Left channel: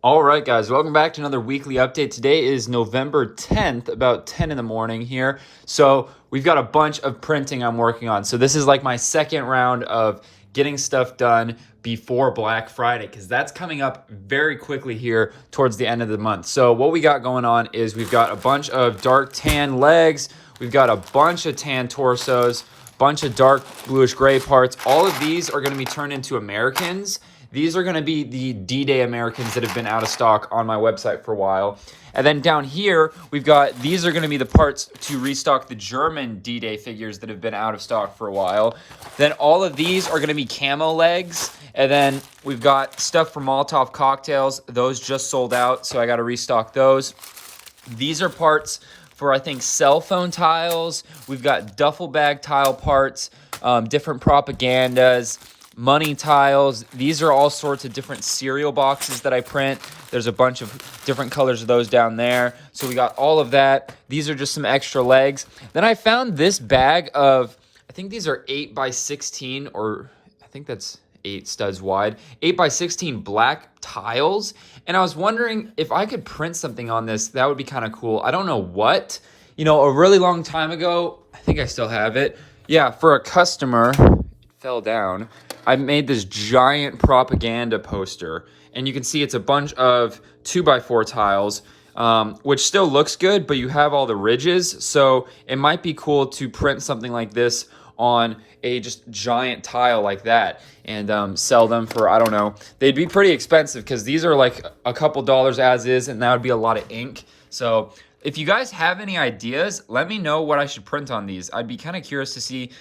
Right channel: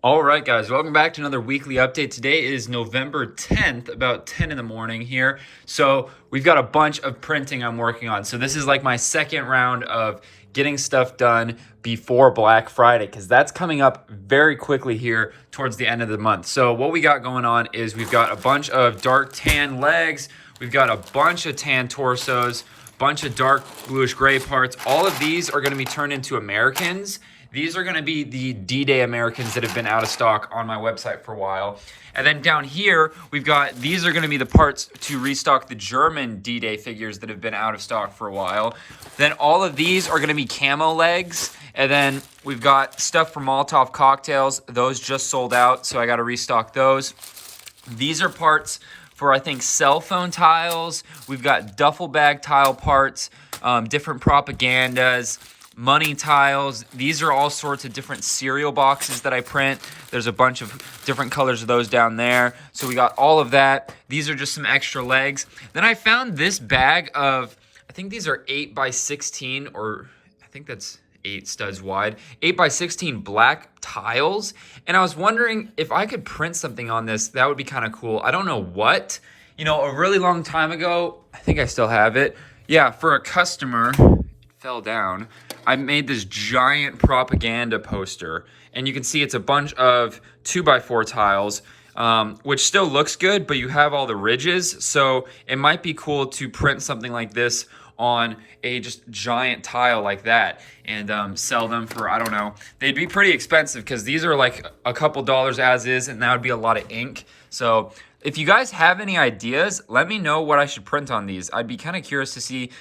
All right, guys, welcome back to another weekly update. Today is November 10th, about 10 in the morning here. So we've got a bunch of printing I'm working on. So this is like my second round of getting stuff done before Black Friday, because that's coming up very quickly here towards the end of the month. So what we got going on is we've got a bunch of dark tan legs, we've got a bunch of tan torsos, bunch of dark bluish gray parts. All of these are going to be turned into Americans. These are going to be the D-Day Americans that have been out of stock on my website for a while. And then down here, we've got, these are going to be the parts to restock the German D-Day figures that have been out of stock for a while. Then all of these are going to be camo legs. And then we've got stuff for Molotov cocktails. Those just sold out, so I got to restock those. These are parts for, I think, cell phone tiles. We've got duffel bag tile parts, different propagandas, money tiles. These are all sorts of different cereal boxes that I print. There's a bunch of different colors of those down there. So we got all of that. These are just some extra legs. Then I found this bag of, I think these are 8 by 16, or I think that's 8 studs wide, 8 by 16 black tiles. And I was wondering if I could print something on this, that would be kind of cool. I don't know what. You know, a really long time ago, I think I still have it. Yeah, for a customer, it fell down. I made this giant propaganda poster, and you can see it's a bunch of 2x4 tiles, which still looks good, but you have all the ridges. So it might be cool to print something like this on a just giant tile like that and sell them for, I don't know. They'd be pretty expensive because these are like a couple dollars as is, and that would be a lot of ink. So if you guys have any ideas, let me know what I should print on these. I'd be kind of curious to see.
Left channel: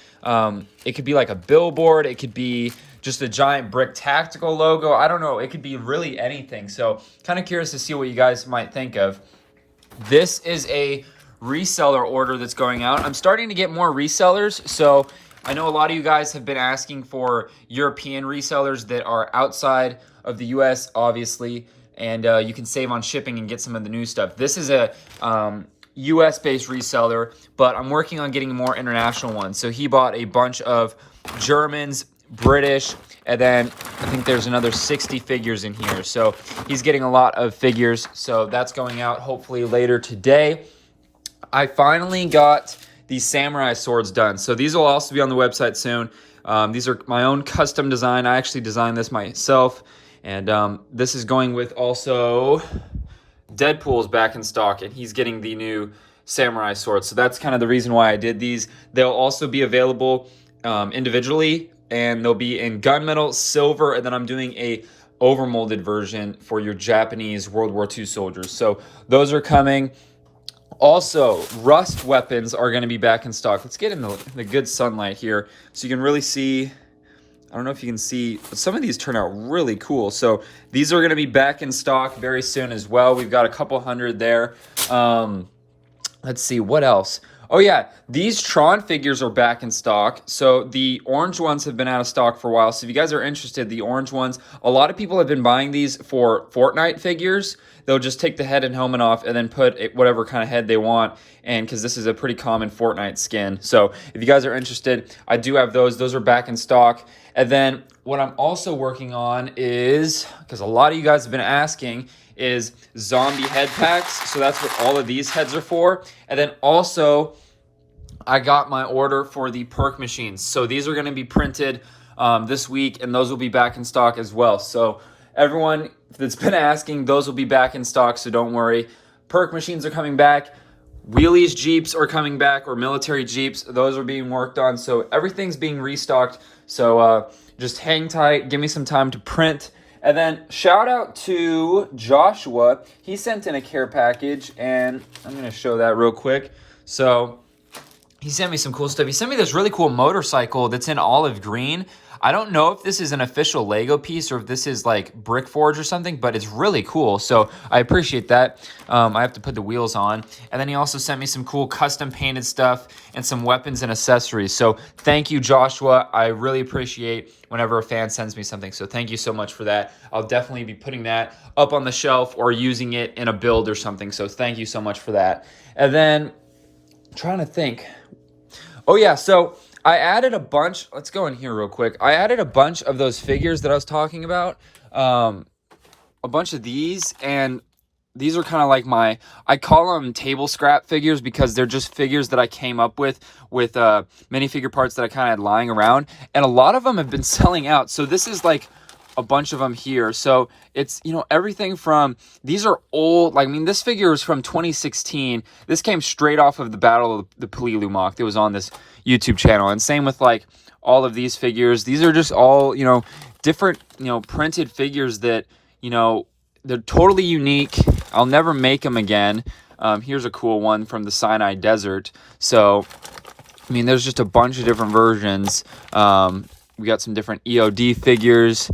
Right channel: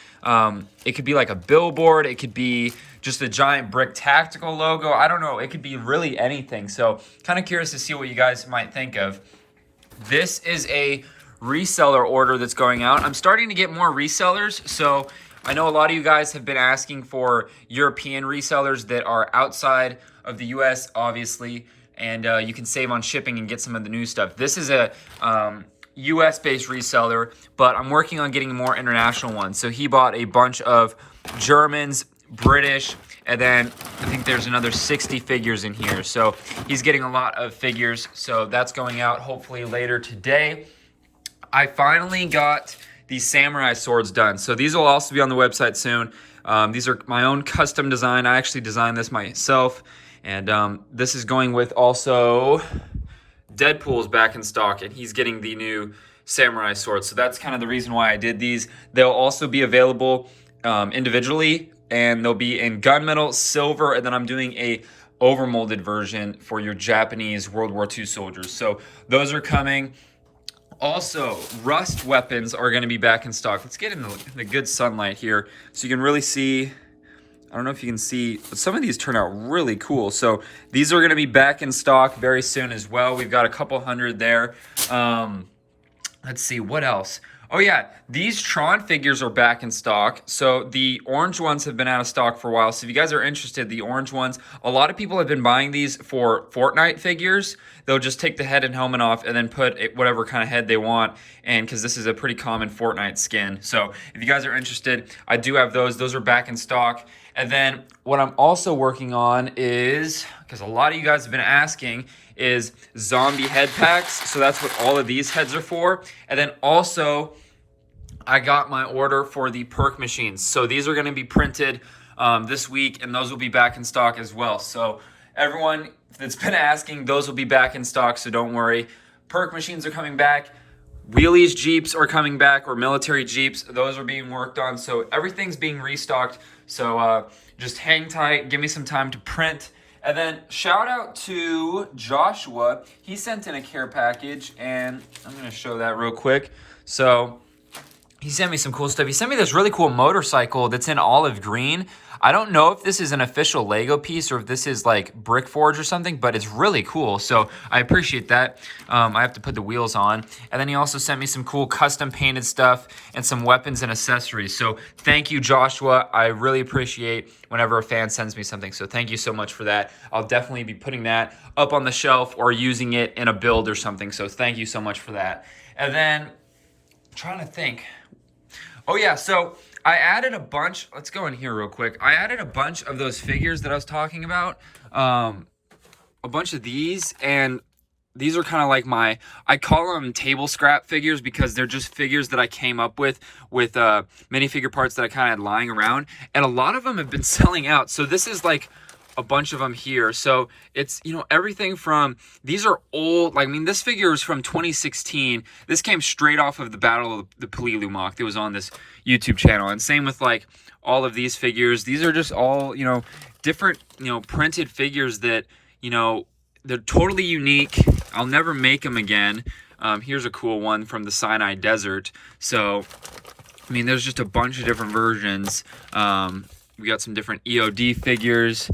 It could be like a billboard. It could be just a giant BrickTactical logo. I don't know. It could be really anything. So kind of curious to see what you guys might think of. This is a reseller order that's going out. I'm starting to get more resellers. So I know a lot of you guys have been asking for European resellers that are outside of the US, obviously, and you can save on shipping and get some of the new stuff. This is a US-based reseller, but I'm working on getting more international ones. So he bought a bunch of Germans, British, and then I think there's another 60 figures in here. So he's getting a lot of figures. So that's going out hopefully later today. I finally got these samurai swords done. So these will also be on the website soon. These are my own custom design. I actually designed this myself. And this is going with also Deadpool's back in stock, and he's getting the new samurai sword. So that's kind of the reason why I did these. They'll also be available individually, and they'll be in gunmetal, silver, and then I'm doing a overmolded version for your Japanese World War II soldiers. So those are coming. Also, rust weapons are going to be back in stock. Let's get in the good sunlight here so you can really see. I don't know if you can see, but some of these turn out really cool. So these are going to be back in stock very soon as well. We've got a couple hundred there. Let's see, what else? Oh yeah, these Tron figures are back in stock. So the orange ones have been out of stock for a while. So if you guys are interested, the orange ones, a lot of people have been buying these for Fortnite figures. They'll just take the head and helmet off and then put whatever kind of head they want. And because this is a pretty common Fortnite skin. So if you guys are interested, I do have those. Those are back in stock. And then what I'm also working on is, because a lot of you guys have been asking, is zombie head packs. So that's what all of these heads are for. And then also, I got my order for the perk machines. So these are going to be printed this week, and those will be back in stock as well. So everyone that's been asking, those will be back in stock, so don't worry. Perk machines are coming back. Wheelies Jeeps are coming back, or military Jeeps. Those are being worked on. So everything's being restocked. So just hang tight. Give me some time to print. And then shout out to Joshua. He sent in a care package, and I'm going to show that real quick. So he sent me some cool stuff. He sent me this really cool motorcycle that's in olive green. I don't know if this is an official Lego piece or if this is like Brick Forge or something, but it's really cool. So I appreciate that. I have to put the wheels on. And then he also sent me some cool custom painted stuff and some weapons and accessories. So thank you, Joshua. I really appreciate whenever a fan sends me something. So thank you so much for that. I'll definitely be putting that up on the shelf or using it in a build or something. So thank you so much for that. And then I'm trying to think. Oh yeah, so I added a bunch. Let's go in here real quick. I added a bunch of those figures that I was talking about. a bunch of these, and these are kind of like I call them table scrap figures because they're just figures that I came up with minifigure parts that I kind of had lying around. And a lot of them have been selling out. So this is like a bunch of them here. So it's, you know, everything from, these are old, like, I mean, this figure is from 2016. This came straight off of the Battle of the Polilu mock that was on this YouTube channel. And same with like all of these figures. These are just all, you know, different, you know, printed figures that, you know, they're totally unique. I'll never make them again. Here's a cool one from the Sinai Desert. So, I mean, there's just a bunch of different versions. We got some different EOD figures,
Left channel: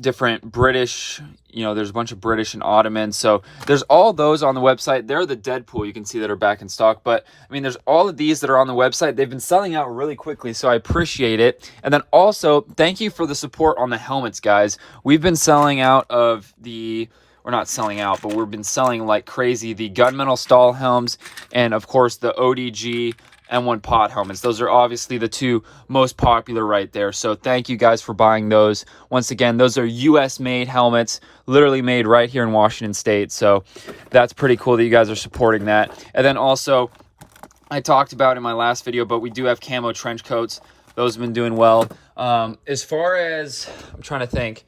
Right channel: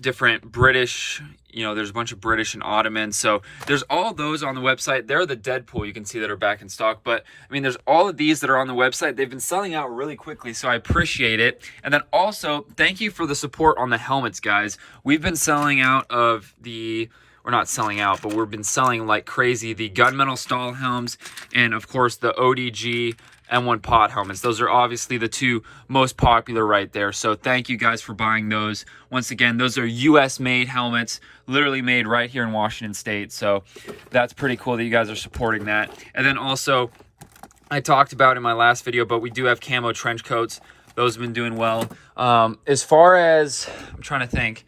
different British, you know, there's a bunch of British and Ottoman. So there's all those on the website. They're the Deadpool you can see that are back in stock. But I mean, there's all of these that are on the website. They've been selling out really quickly, so I appreciate it. And then also, thank you for the support on the helmets, guys. We've been selling out of the, we're not selling out, but we've been selling like crazy the gunmetal stall helms, and of course the ODG M1 pod helmets. Those are obviously the two most popular right there. So thank you guys for buying those. Once again, those are US made helmets, literally made right here in Washington State. So that's pretty cool that you guys are supporting that. And then also, I talked about in my last video, but we do have camo trench coats. Those have been doing well. As far as, I'm trying to think,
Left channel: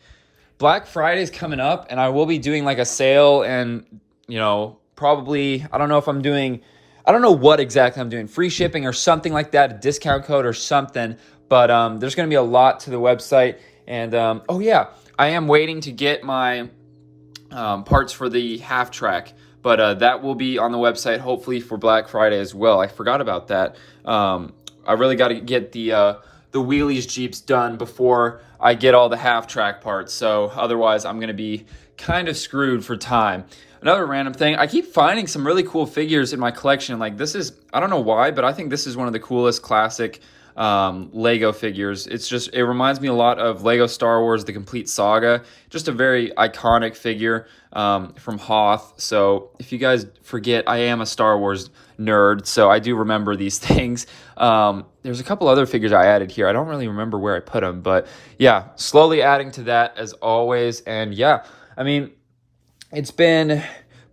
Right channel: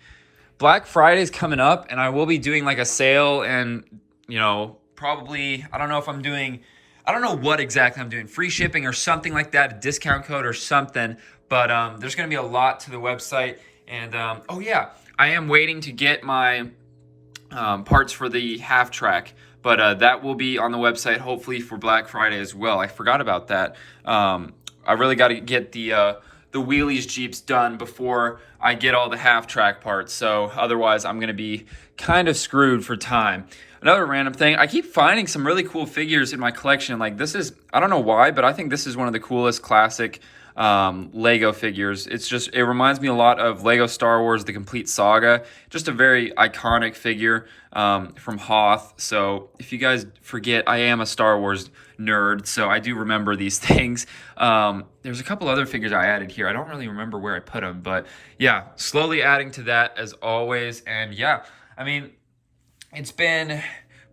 Black Friday is coming up, and I will be doing like a sale, and, you know, probably, I don't know if I'm doing, I don't know what exactly I'm doing, free shipping or something like that, a discount code or something, but there's going to be a lot to the website. And oh yeah, I am waiting to get my parts for the half track, but that will be on the website hopefully for Black Friday as well. I forgot about that. I really got to get the wheelies Jeeps done before I get all the half track parts, so otherwise I'm going to be kind of screwed for time. Another random thing, I keep finding some really cool figures in my collection. Like this is, I don't know why, but I think this is one of the coolest classic Lego figures. It's just, it reminds me a lot of Lego Star Wars, The Complete Saga. Just a very iconic figure from Hoth. So if you guys forget, I am a Star Wars nerd, so I do remember these things. There's a couple other figures I added here. I don't really remember where I put them, but yeah, slowly adding to that as always. And yeah, I mean, it's been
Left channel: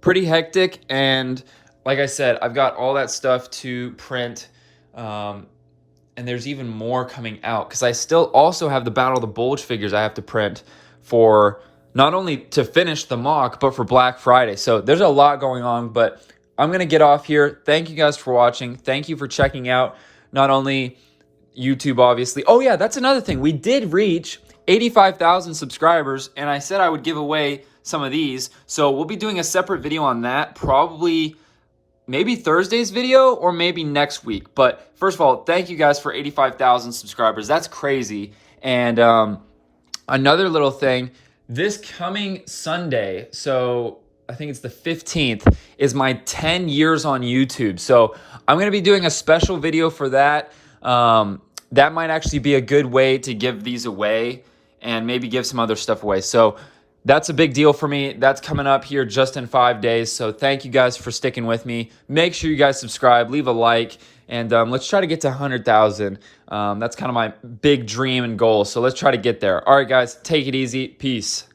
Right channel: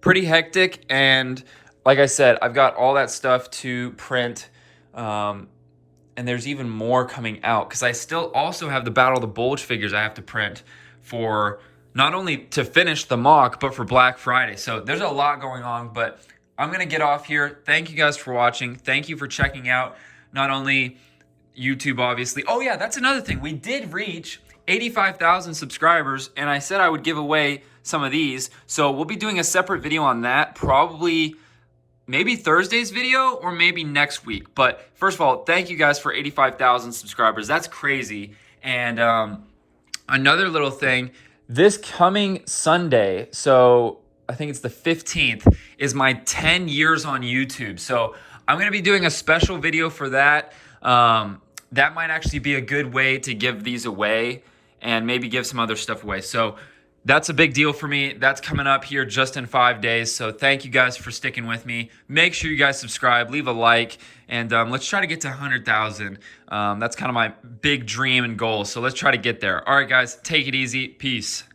pretty hectic, and like I said, I've got all that stuff to print, and there's even more coming out because I still also have the Battle of the Bulge figures I have to print for not only to finish the mock, but for Black Friday. So there's a lot going on, but I'm going to get off here. Thank you guys for watching. Thank you for checking out not only YouTube, obviously. Oh yeah, that's another thing. We did reach 85,000 subscribers, and I said I would give away some of these. So we'll be doing a separate video on that, probably maybe Thursday's video or maybe next week. But first of all, thank you guys for 85,000 subscribers. That's crazy. And another little thing, this coming Sunday, so I think it's the 15th, is my 10 years on YouTube. So I'm going to be doing a special video for that. That might actually be a good way to give these away and maybe give some other stuff away. So that's a big deal for me. That's coming up here just in 5 days. So thank you guys for sticking with me. Make sure you guys subscribe, leave a like, and let's try to get to 100,000. That's kind of my big dream and goal. So let's try to get there. All right, guys, take it easy. Peace.